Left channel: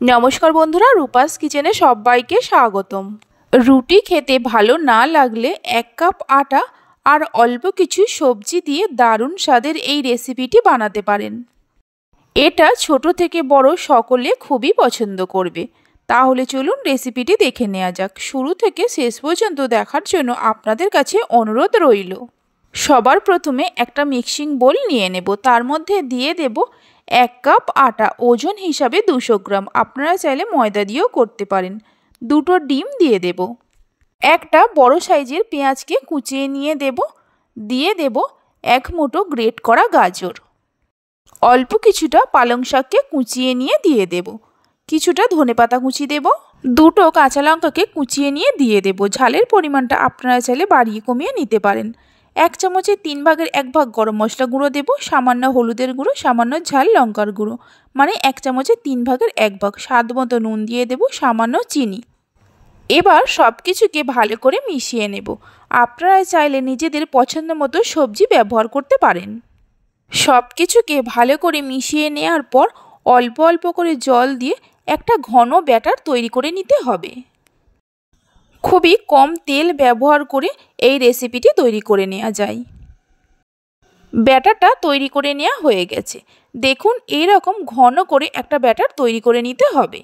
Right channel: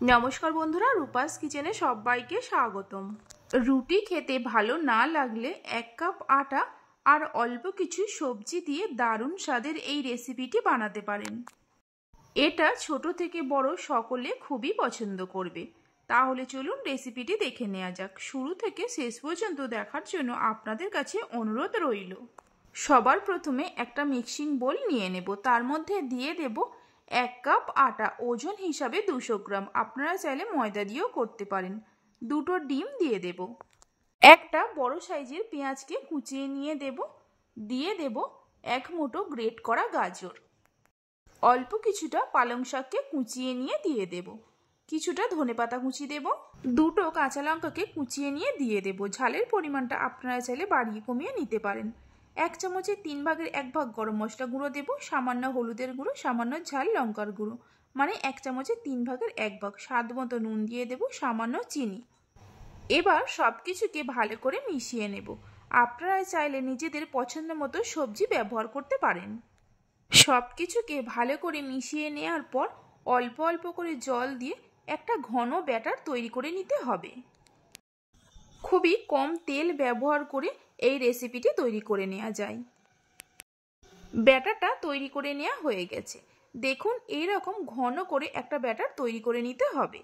নমস্কার বন্ধুরা, রূপাস কিচেনে সবাইকে স্বাগতম। রুটি খেতে ভালো না লাগলে 1 কাপ আটা আর অল্প কিছু সবজি দিয়ে দারুণ স্বাদের এই রেসিপিটি বানাতে পারেন। এটা ছোট থেকে বড় সকলে খুবই পছন্দ করবে। তাহলে চলুন রেসিপিটি দেখে নেওয়া যাক। শুরু থেকে শেষ পর্যন্ত দেখার জন্য আপনাদের কাছে অনুরোধ রইল। সবার প্রথমে একটা মিক্সিং বোল নিয়ে নেব। তার মধ্যে দিয়ে দেব 1 কাপ আটা, ওজন হিসাবে 200 গ্রাম। আপনারা চাইলে ময়দা দিয়েও করতে পারেন। 2টো ডিম দিয়ে দেব। একটা বড় সাইজের পেঁয়াজকে কুচিয়ে নিয়ে দেব। দিয়ে দেব 1 মুঠো গ্রেট করা গাজর। অল্প কিছুটা পালং শাককে কুচিয়ে নিয়ে দিয়ে দেব। কিছুটা ধনেপাতা কুচি দেব। 2টো কাঁচা লঙ্কাকে কুচিয়ে নিয়ে দিয়ে দেব। ঝালের পরিমাণটা আপনারা চাইলে বাড়িয়ে কমিয়ে নিতে পারেন। 1 চামচের 3 ভাগের 1 ভাগ গরম মশলা গুঁড়ো দেব, সামান্য হলুদের গুঁড়ো, সামান্য ঝাল লঙ্কার গুঁড়ো, মানে 1 চামচের 3 ভাগের 1 ভাগ। স্বাদ মতো নুন দিয়ে দেব, সামান্য চিনি। এবার সব কিছুকে ভালো করে মিশিয়ে নেব। আপনারা চাইলে নিজেদের পছন্দ মতো সবজি ব্যবহার করতে পারেন। সব কিছুকে ভালো করে মিশিয়ে নেওয়ার পর অল্প অল্প করে জল দিয়ে একটা ঘন ব্যাটার তৈরি করে নিতে হবে। খুবই কম তেল ব্যবহার করে এই রেসিপিটি তৈরি করে নেওয়া যায়। ব্যাটারটা তৈরি করে নেওয়া হয়ে গেছে। দেখুন, এইরকম ঘন করে একটা ব্যাটার তৈরি করে নিতে হবে।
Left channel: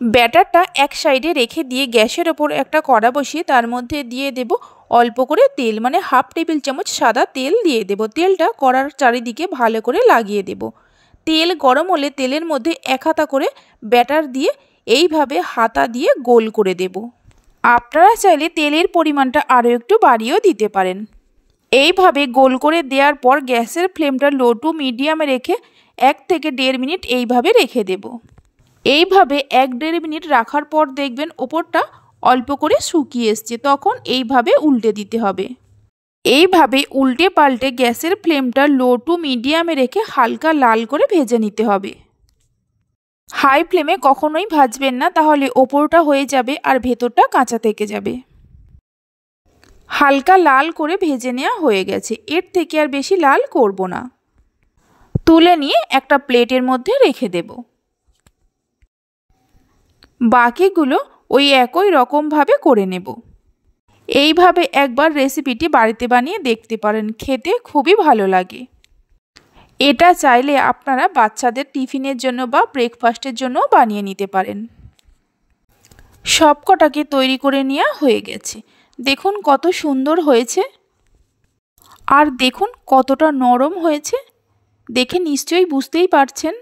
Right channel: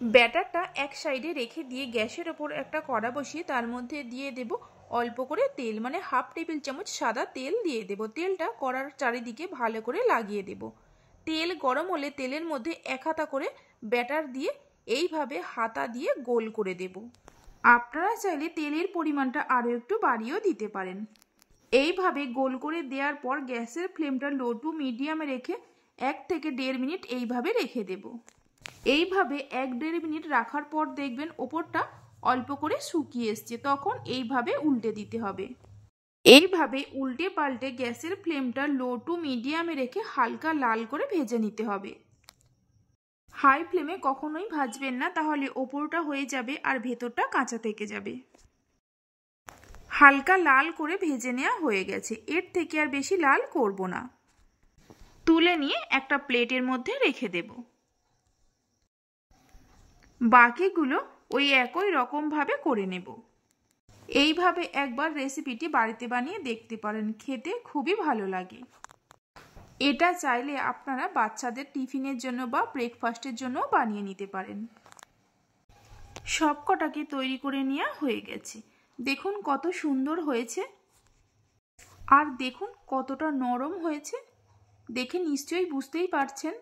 ব্যাটারটা এক সাইডে রেখে দিয়ে গ্যাসের ওপর একটা কড়া বসিয়ে তার মধ্যে দিয়ে দেব অল্প করে তেল, মানে হাফ টেবিল চামচ সাদা তেল দিয়ে দেব। তেলটা কড়ার চারিদিকে ভালো করে লাগিয়ে দেব। তেল গরম হলে তেলের মধ্যে 1 হাতা করে ব্যাটার দিয়ে এইভাবে হাতা দিয়ে গোল করে দেব। আপনারা চাইলে তেলের পরিমাণটা আরও একটু বাড়িয়েও দিতে পারেন। এইভাবে গোল করে দেওয়ার পর গ্যাসের ফ্লেমটা লো টু মিডিয়ামে রেখে 1 থেকে 1.5 মিনিট এইভাবে রেখে দেব। এইভাবে 1-1.5 মিনিট রাখার পর দেখবেন ওপরটা অল্প করে শুকিয়ে এসছে। তখন এইভাবে উল্টে দিতে হবে। এইভাবে উল্টে পাল্টে গ্যাসের ফ্লেমটা লো টু মিডিয়ামে রেখে হালকা লাল করে ভেজে নিতে হবে। হাই ফ্লেমে কখনোই ভাজবেন না, তাহলে ওপরটা হয়ে যাবে আর ভেতরটা কাঁচা থেকে যাবে। হালকা লাল করে ভেজে নেওয়া হয়ে গেছে। এর থেকে আর বেশি লাল করব না। তুলে নিয়ে একটা প্লেটের মধ্যে রেখে দেব। বাকিগুলো ওই একই রকমভাবে করে নেব। এইভাবে একবার রেসিপিটি বাড়িতে বানিয়ে দেখতে পারেন, খেতে খুবই ভালো লাগে। এটা চাইলে আপনারা বাচ্চাদের টিফিনের জন্য বা ব্রেকফাস্টের জন্য বানিয়ে নিতে পারেন। সব কটাকে তৈরি করে নেওয়া হয়ে গেছে। দেখুন কত সুন্দর হয়েছে, আর দেখুন কতটা নরম হয়েছে। দেখে নিশ্চয়ই বুঝতেই পারছেন।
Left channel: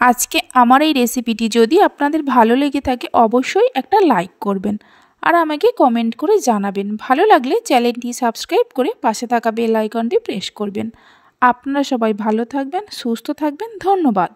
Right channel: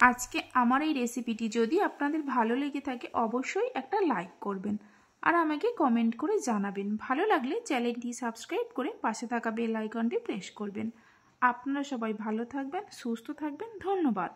আজকে আমার এই রেসিপিটি যদি আপনাদের ভালো লেগে থাকে অবশ্যই একটা লাইক করবেন আর আমাকে কমেন্ট করে জানাবেন। ভালো লাগলে চ্যানেলটি সাবস্ক্রাইব করে পাশে থাকা বেল আইকনটি প্রেস করবেন। আপনারা সবাই ভালো থাকবেন, সুস্থ থাকবেন। ধন্যবাদ।